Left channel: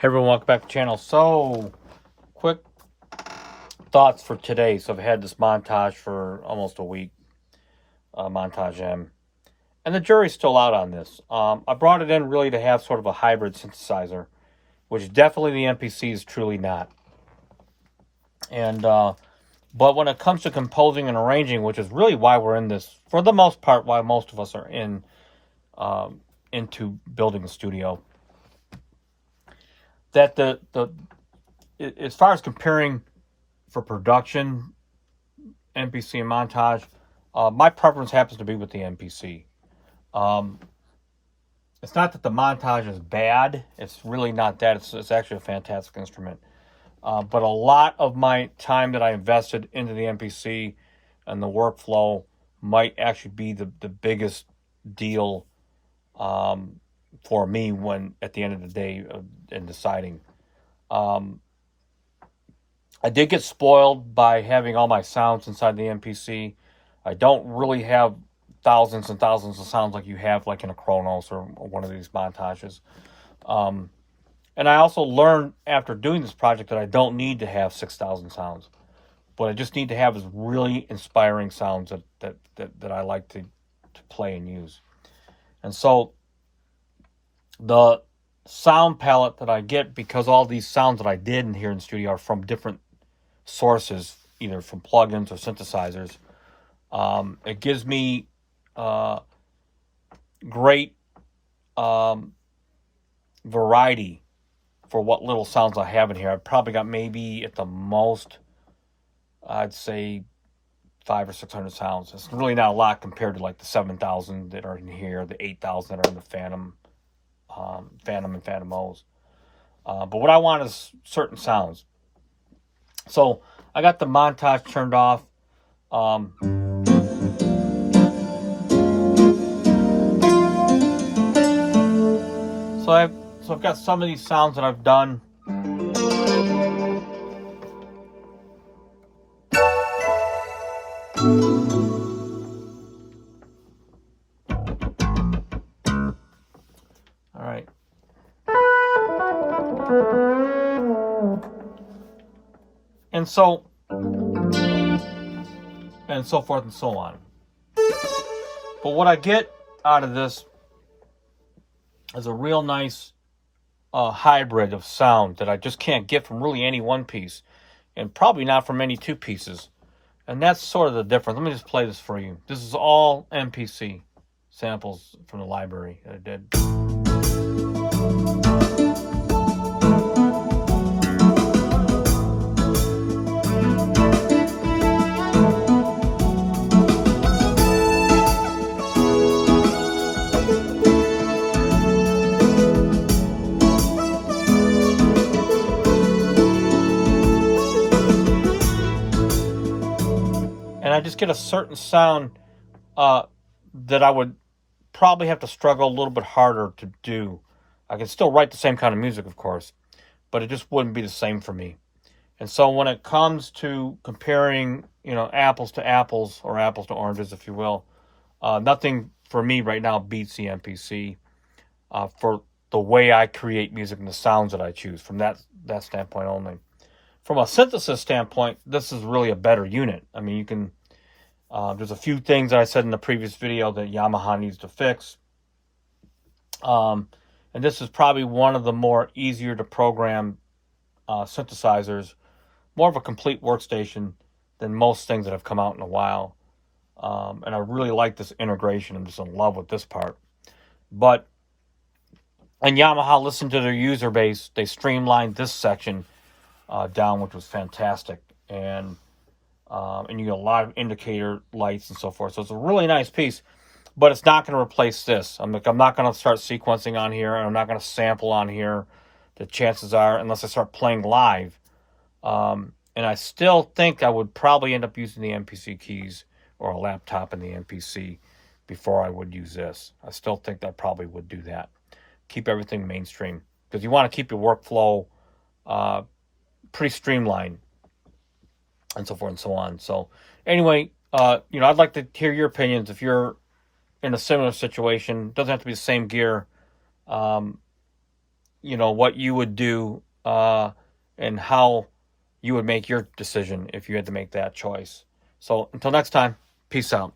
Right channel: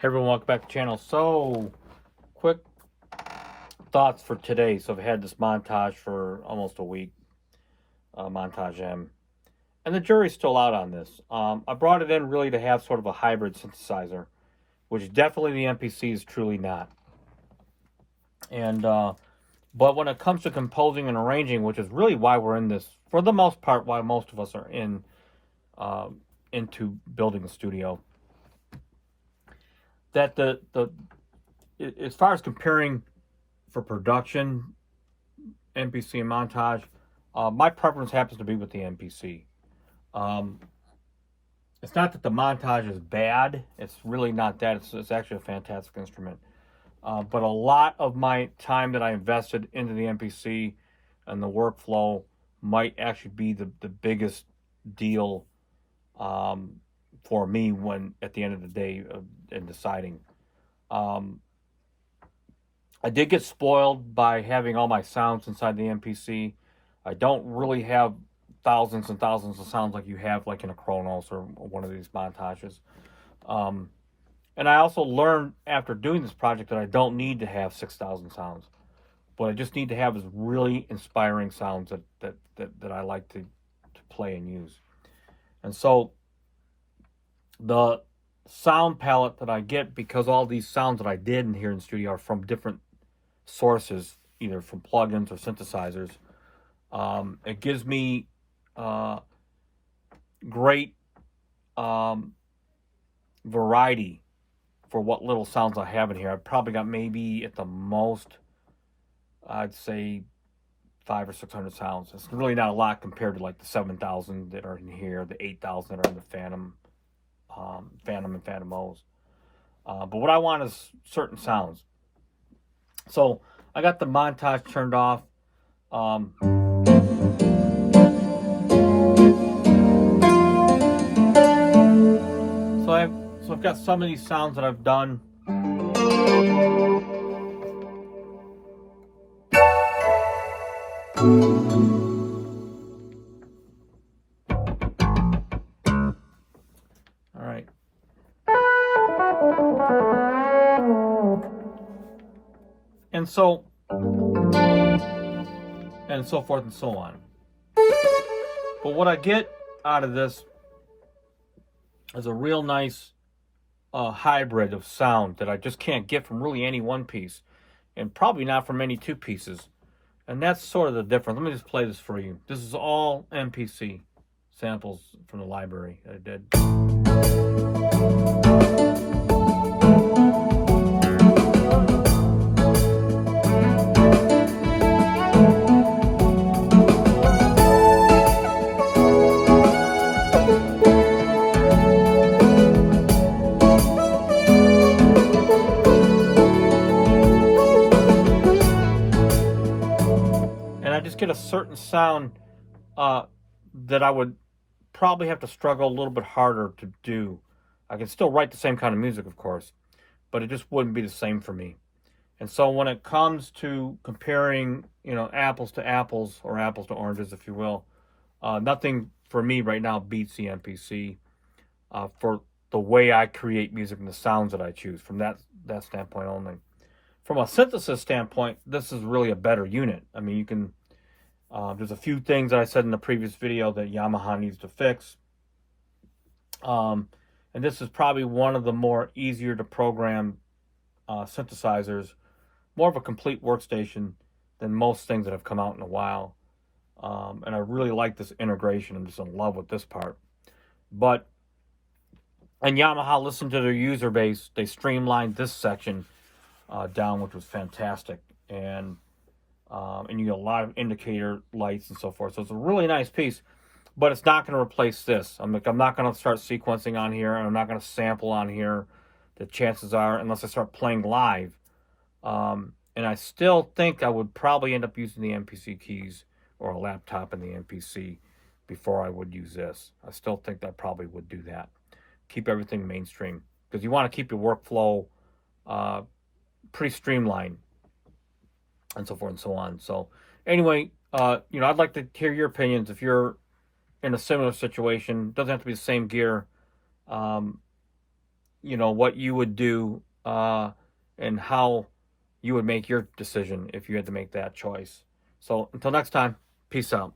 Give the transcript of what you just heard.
Hey everyone, welcome back to the channel. So, quick thoughts for today. So I've had this montage for almost a week, Montage M. And the jury's still out on this. I brought it in really to have sort of a hybrid synthesizer, which definitely the MPC is truly not. And but when it comes to composing and arranging, which is really why we're in this, for the most part, why most of us are into building a studio, that the as far as comparing for production, MPC and montage, my preference happens to be with the MPC. Um, it's not that the montage is bad. It's really not that. It's actually a fantastic instrument. But a lot of my time that I invested into the MPC and the workflow might actually be the biggest deal for me when at the end of the day in deciding. Um, I did get spoiled by having all my sounds inside the MPC. I don't really have thousands and thousands of sounds like you have like in a Kronos or one of these montages. Um, and I also learned after doing this project that I don't need to have 6,000 sounds. What I just need to have is really inspiring sounds that I like to play and use. And so the sound palette that I get, because all these sounds that I did in here in the studio are from different sources, either from plugins or synthesizers. It gives me great variety for what little sounds I have in here. I've probably got maybe at the most, I'd say 500 or 600 sounds. It's really not a lot compared to like the 7,000 that are in here, the 8,000 that are in the Phantom and Phantom O's. But what I want is certain sounds. So I got the montage turned off. So I've got some of these sounds that I've done. All right. And so forth and so on. But what I get out of this is a real nice hybrid of sound that I just can't get from really any one piece, and probably not from any two pieces. And that's sort of the difference. Let me just play this for you. This is all MPC samples from the library that I did. I just get a certain sound that I would probably have to struggle a little bit harder to do. I can still write the same kind of music, of course, but it just wouldn't be the same for me. And so when it comes to comparing, apples to apples, or apples to oranges, if you will, nothing for me right now beats the MPC for the way I create music and the sounds that I choose from that standpoint only. From a synthesis standpoint, this is really a better unit. I mean, you can there's a few things I said in the previous video that Yamaha needs to fix. And this is probably one of the more easier to program synthesizers. More of a complete workstation than most things that have come out in a while. And I really like this integration. I'm just in love with this part. But, and Yamaha listened to their user base. They streamlined this section down, which was fantastic. And you get a lot of indicator lights and so forth. So it's a really nice piece, but it's not going to replace this. I'm not going to start sequencing on here, and I'm not going to sample on here. The chances are, unless I start playing live, and I still think I would probably end up using the MPC keys or a laptop in the MPC before I would use this. I still think I probably would do that. Keep everything mainstream, because you want to keep your workflow pretty streamlined, and so forth and so on. So anyway, I'd like to hear your opinions if you're in a similar situation. Doesn't have to be the same gear. what you would do, and how you would make your decision if you had to make that choice. So until next time, peace out.